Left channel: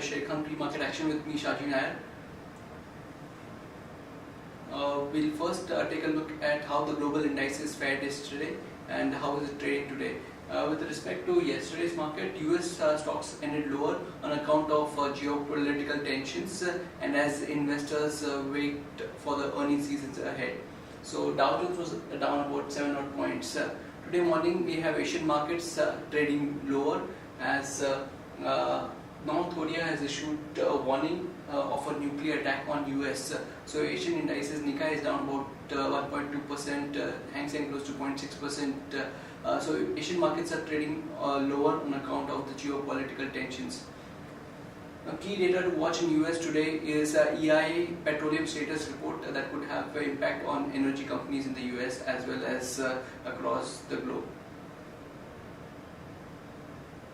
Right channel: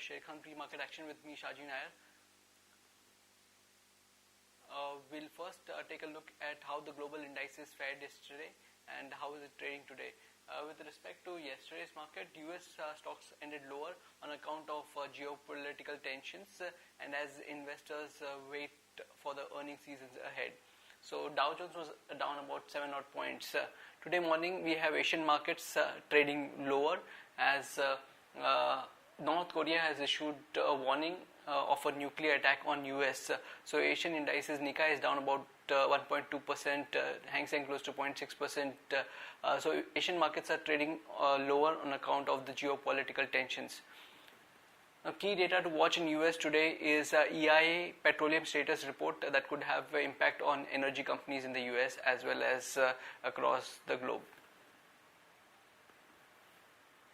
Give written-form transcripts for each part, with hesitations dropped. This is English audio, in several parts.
Sharekhan pre-market action with me, Sharekhan. We'll first take a look at how the global indices fared yesterday and how is it trading today. With respect to yesterday's market, US stocks ended lower on account of geopolitical tensions and as investors wait for the earnings seasons ahead. So Dow Jones was down about 7 odd points. Today morning we have Asian markets trading lower as North Korea has issued a warning of a nuclear attack on US. So Asian indices, Nikkei is down about 1.2%, Hang Seng close to 0.6%. So Asian markets are trading lower on account of the geopolitical tensions. A key data to watch in US today is EIA petroleum status report that could have an impact on energy companies in the US as well as across the globe.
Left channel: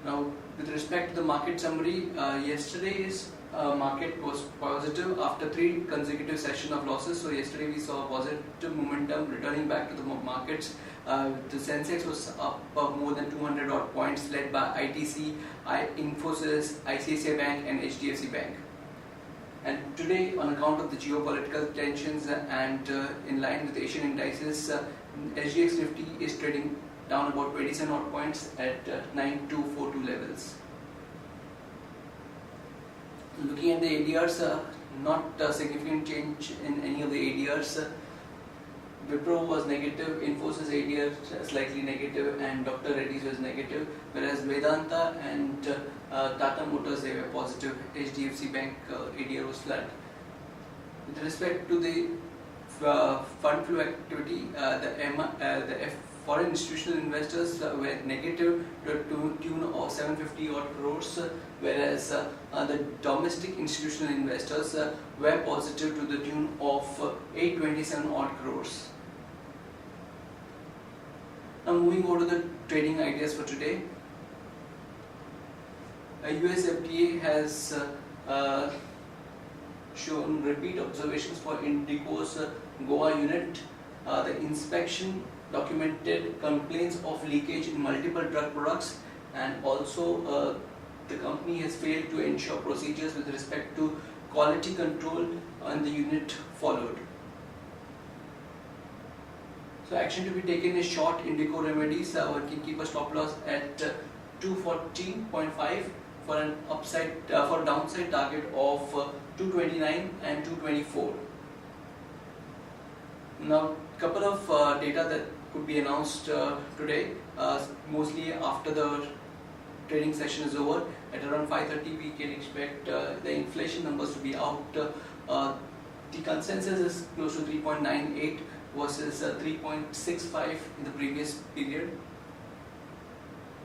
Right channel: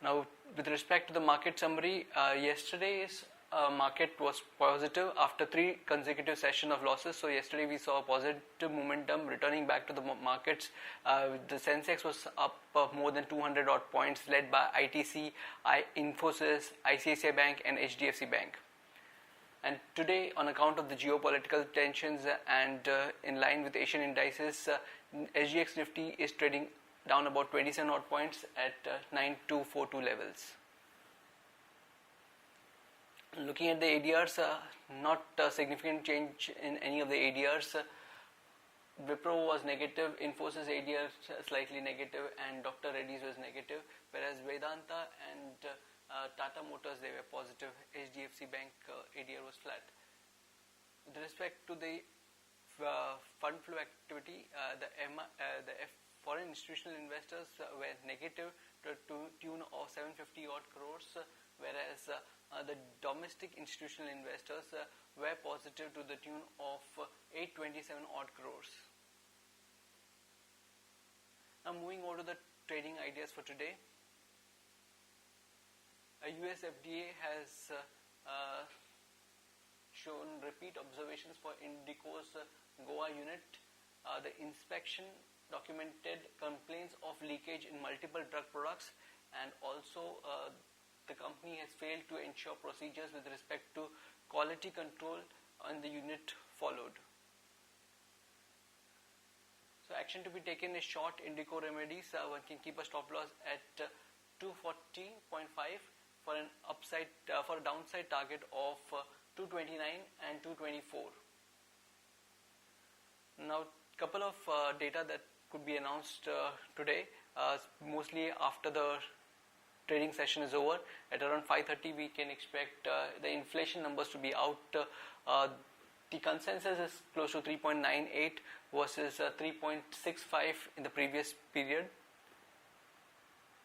Now, with respect to the market summary, yesterday's market was positive after 3 consecutive sessions of losses. So yesterday we saw positive momentum returning back to the markets. The Sensex was up more than 200 odd points, led by ITC, Infosys, ICICI Bank and HDFC Bank. And today, on account of the geopolitical tensions and in line with Asian indices, SGX Nifty is trading down about 27 odd points at 9242 levels. Looking at the ADRs, not a significant change in any of the ADRs. Wipro was negative, Infosys ADR slightly negative, and Dr. Reddy's was negative, whereas Vedanta and Tata Motors, they were positive. HDFC Bank ADR was flat. With respect to the fund flow activity, the foreign institutional investors were negative to the tune of 750 odd crores, whereas the domestic institutional investors were positive to the tune of 827 odd crores. Now moving over to the trading ideas for today. US FDA has shown repeat observations for Indico's Goa unit. The inspection documented complaints of leakage in multiple drug products, and also the company has failed to ensure procedures with respect to quality control, and the unit followed. So action to be taken is short Indico remedies. One can keep a stop loss at 214.5 for an upside for a downside target of 229 and 224. Now, couple of data that could be announced today, mostly after the trading session is over. At around 5:30 we can expect the inflation numbers to be out. The consensus is close to 3.98 versus 3.65 in the previous period.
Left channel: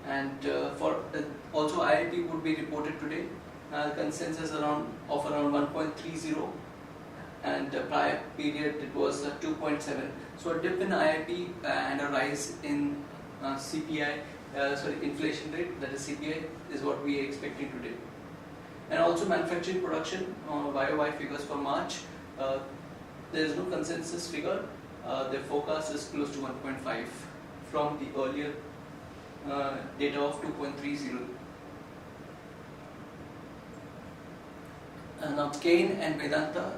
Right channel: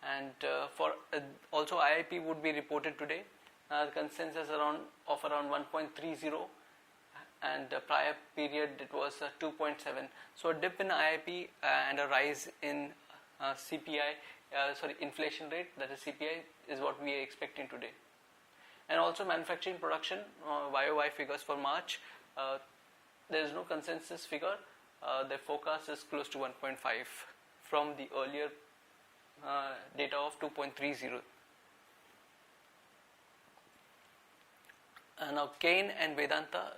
And for also IIP would be reported today. Consensus of around 1.30, and the prior period it was 2.7. So a dip in IIP and a rise in inflation rate, that is CPI, is what we are expecting today. And also manufacturing production, YOY figures for March, there is no consensus figure. The forecast is close to 1.5 from the earlier data of 2.30. Now Kane and Vedanta,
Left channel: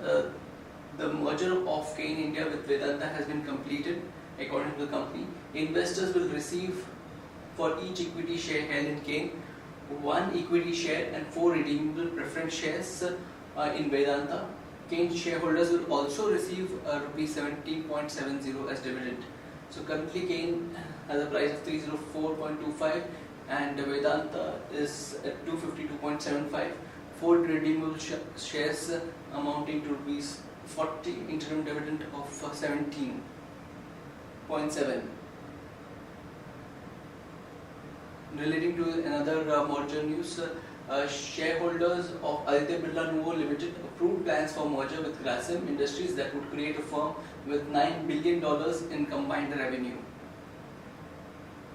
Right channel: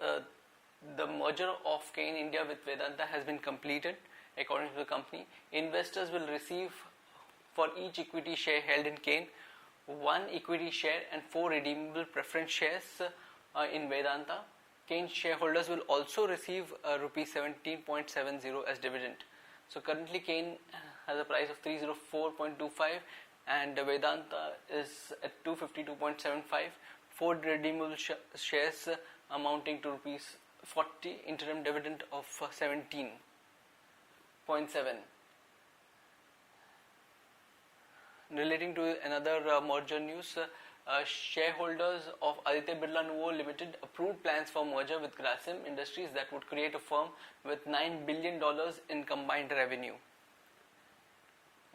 the merger of Kane India with Vedanta has been completed according to the company. Investors will receive for each equity share held in Kane 1 equity share and 4 redeemable preference shares in Vedanta. Kane shareholders will also receive rupees 17.70 as dividend. So currently Kane has a price of 304.25 and Vedanta is at 252.75. 4 redeemable shares amounting to rupees 40, interim dividend of 17.7. Relating to another merger news, shareholders of Aditya Birla Nuvo Limited approved plans for merger with Grasim Industries that would create a firm with $9 billion in combined revenue.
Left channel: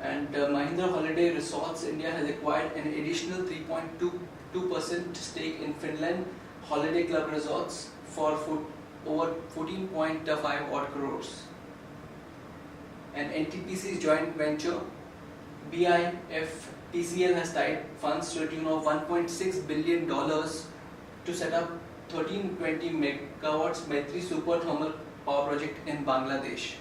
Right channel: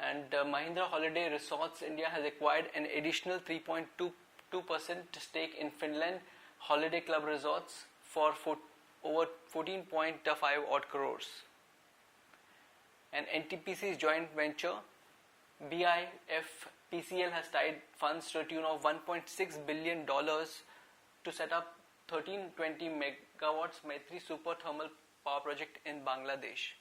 And Mahindra Holiday Resorts India has acquired an additional 3.22% stake in Finland Holiday Club Resorts for over 14.5 odd crores. And NTPC's joint venture BIFP PCL has tied funds to a tune of $1.6 billion to set up 1320 megawatts Maitri super thermal power project in Bangladesh.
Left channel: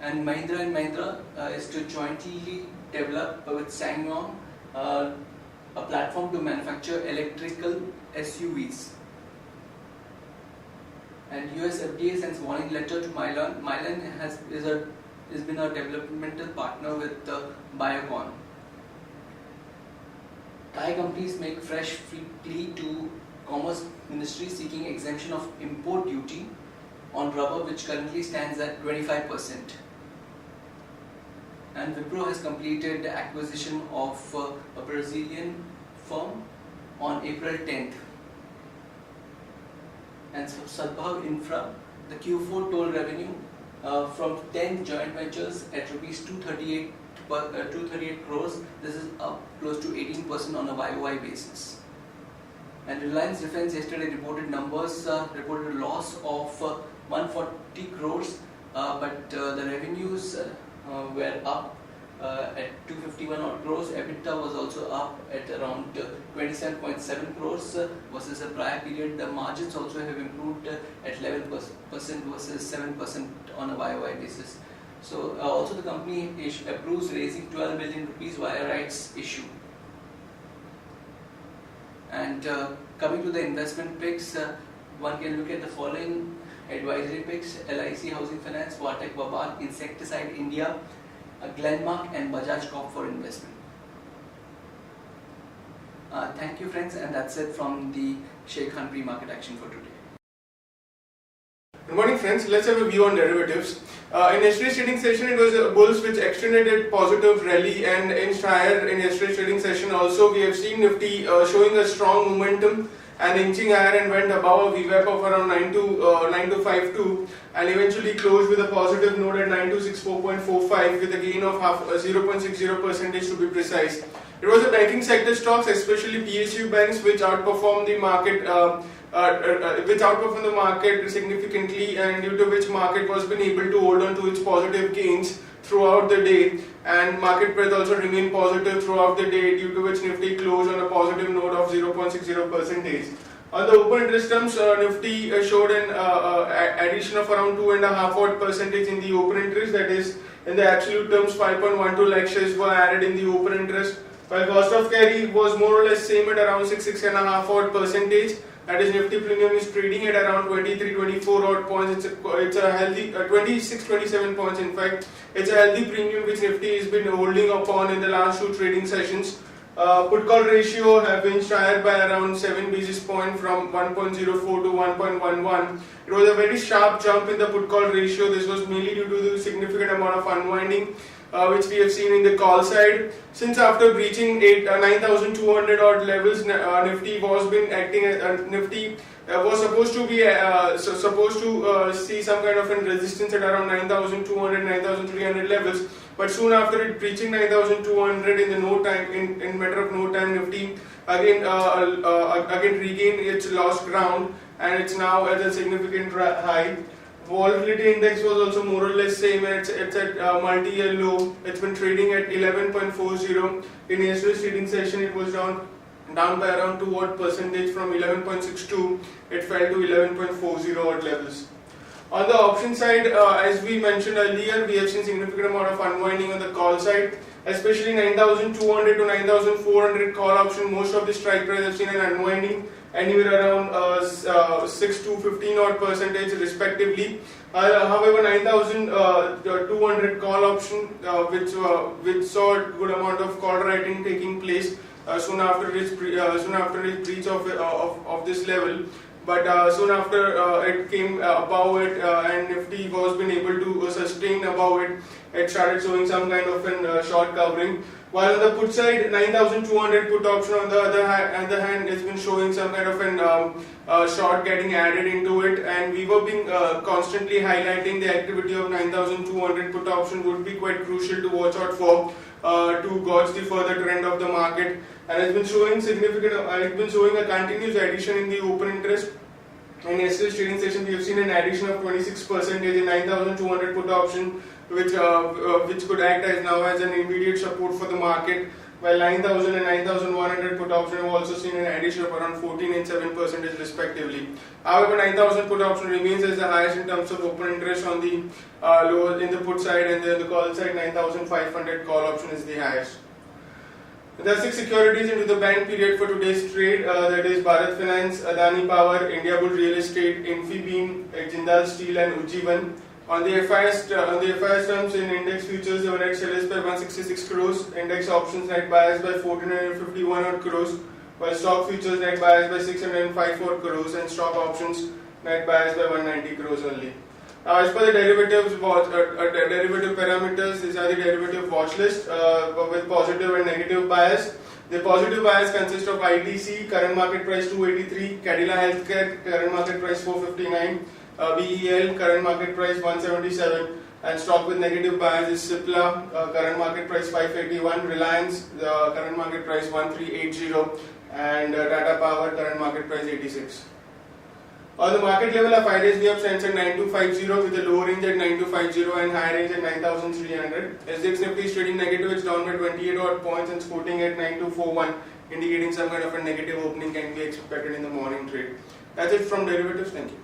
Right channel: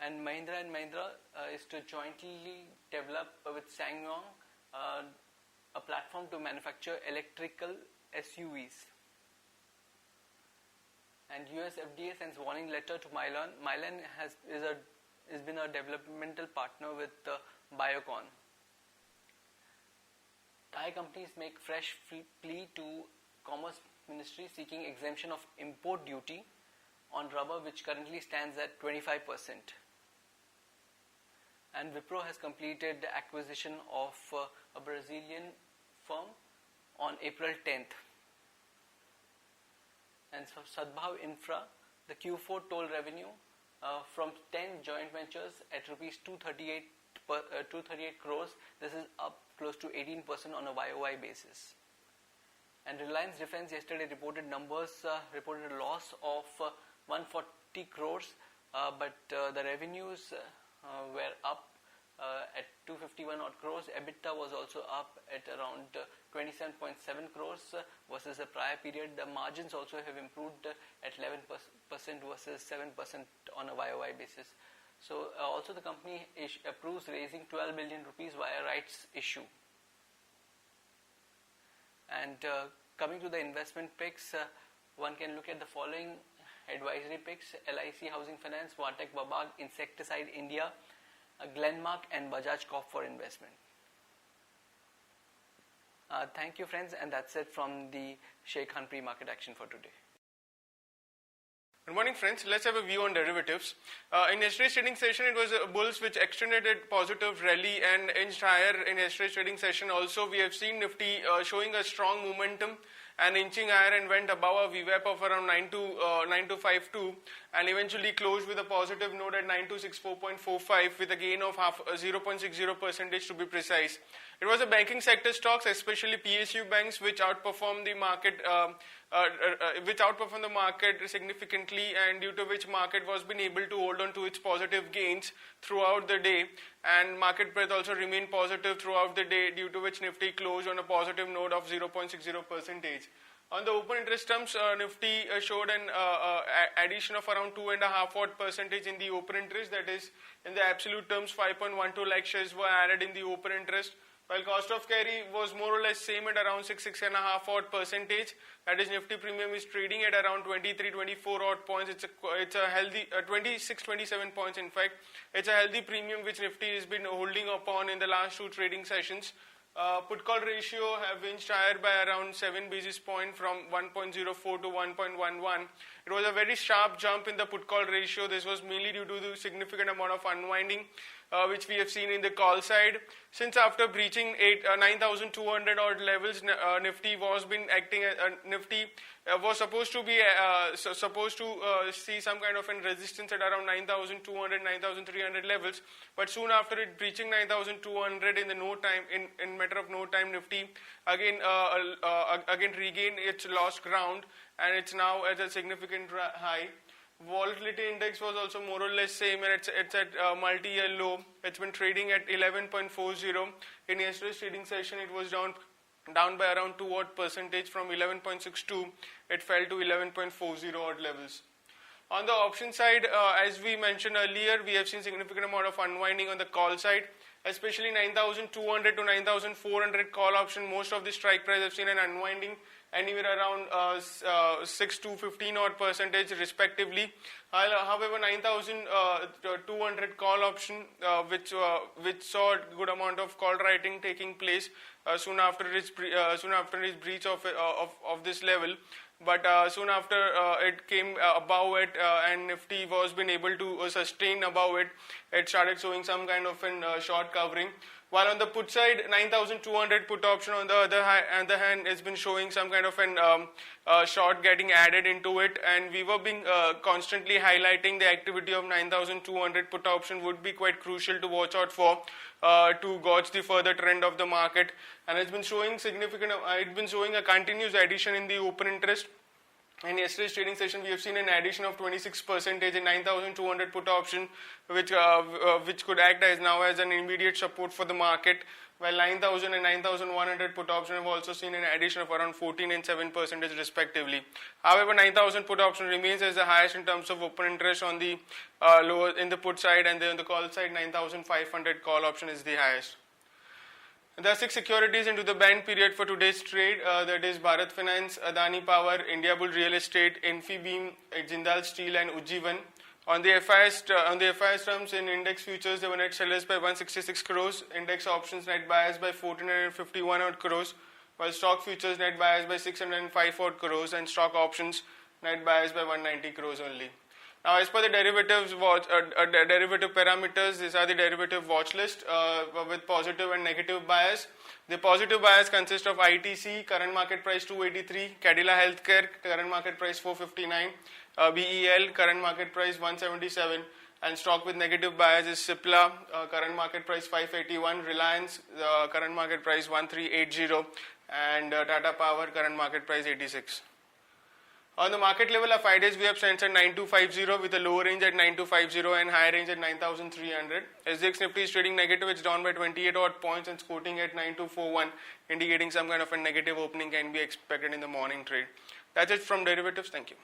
And Mahindra is to jointly develop with SsangYong a platform to manufacture electrical SUVs. And US FDA sends warning letter to Mylan. Mylan has been a developmental partner with Biocon. Thai companies make fresh plea to Commerce Ministry seeking exemption of import duty on rubber, which currently stands at 25%. And Wipro has completed the acquisition of a Brazilian firm on April 10th. And Sadbhav Infra, the Q4 toll revenue from 10 joint ventures at rupees 238 crores. This is up close to 18% on a YOY basis. And Reliance Defence yesterday reported numbers, reported a loss of 140 crores, but the revenues were up at 251 odd crores. EBITDA was also up at around 27.7 crores versus the prior period. The margins also have improved at 11% versus 7% on a YOY basis. So also the company approves raising 12 million rupees via rights issue. And coming to the investment picks, one can look at the following advisory picks: LIC Housing Finance, Vatek Babak, Insecticide India, Glenmark and Bajaj Corp for investment. Thank you friends, and that's it from the Sharekhan pre-market action for today. Good morning friends, let's have a view on derivatives. In yesterday's trading session it was bulls which extended a positive rally and inched higher in yesterday's trading session. Also we have seen Nifty showing a strong momentum and inching higher and went above a VWAP of around 9252 and eventually closed with a positive note at 9264.45 with a gain of 0.60% to be precise. It was the banking sector stocks, especially PSU banks, which outperformed the market, significantly, and due to which market was been able to hold on to its positive gains throughout the day, and market breadth also remained positive throughout the day, due to which Nifty closed on a positive note of 0.60%. On the open interest terms, Nifty showed an addition of around 2.5% in the open interest, that is, in the absolute terms 5.12 lakh shares were added in the open interest, while cost of carry was more or less same at around 6.5%. That is, Nifty premium is trading at around 23-24 odd points. It's a healthy 26-27 points. In fact, it's a healthy premium which Nifty has been holding upon in the last two trading sessions. Put call ratio have been higher by around 7 basis points from 1.04 to 1.11. It was a very sharp jump in the put call ratio. This was mainly due to the significant amount of unwinding which we have seen in the call side. Since after breaching 9,200 odd levels, Nifty was been acting as Nifty was supposed to see some kind of a resistance at around 9,200, 9,300 levels. But soon after it breaching 9,200 in matter of no time, Nifty again regained its lost ground, and it's now at a significant high. Volatility index was also more or less same. It's at multi-year low. It's been trading at 11.40. In yesterday's trading session, it was down by around 2 odd percentage from 11.62. It fell to 11.40 odd levels. On the option side, as we mentioned earlier, we have seen significant amount of unwinding on the call side, especially 9,200 to 9,400 call option. Most of the strike price have seen an unwinding, anywhere around 6 to 15 odd percentage respectively. However, 9,200 call option, which saw a good amount of call writing taking place soon after its breach of this level. But soon after it came above it, and Nifty was been able to sustain above it, it started showing some kind of an short covering. While on the put side, 9,200 put option on the other hand has been showing some kind of an short getting added into it, and we were being constantly highlighting the activity of 9,200 put option would be quite crucial to watch out for to gauge the further trend of the market, and it's been showing a continuous addition in the open interest. In yesterday's trading session, we have seen an addition of 26% in 9,200 put option, which could act as now as an immediate support for the market. While 9,000 and 9,100 put option have also seen an addition of around 14 and 7% respectively. However, 9,000 put option remains as the highest in terms of open interest on the lower in the put side, and the call side 9,500 call option is the highest. There are 6 securities into the bank period for today's trade. That is Bharat Finance, Adani Power, India Bull Real Estate, Infibeam, Jindal Steel, and Ujjivan. On the FIS terms, in index futures, they were net sellers by 166 crores, index options net buyers by 1,451 odd crores, while stock futures net buyers by 605 odd crores, and stock options net buyers by 190 crores only. Now, as per the derivative parameters, these are the derivative watch list with positive and negative bias. The positive bias consists of ITC, current market price 283, Cadila Healthcare, current market price 459, VEL, current market price 177, and stock with negative bias is Cipla, current market price 581, Reliance, current market price 1380, and Tata Power, current market price 86. On the market level, our 5 days VWAP stands at 9250 with a lower range at 9250 and higher range at 9300. SGX Nifty is trading negative, it's down by 28 odd points and quoting at 9241, indicating some kind of a negative opening can be expected in the morning trade. That's it from derivatives. Thank you.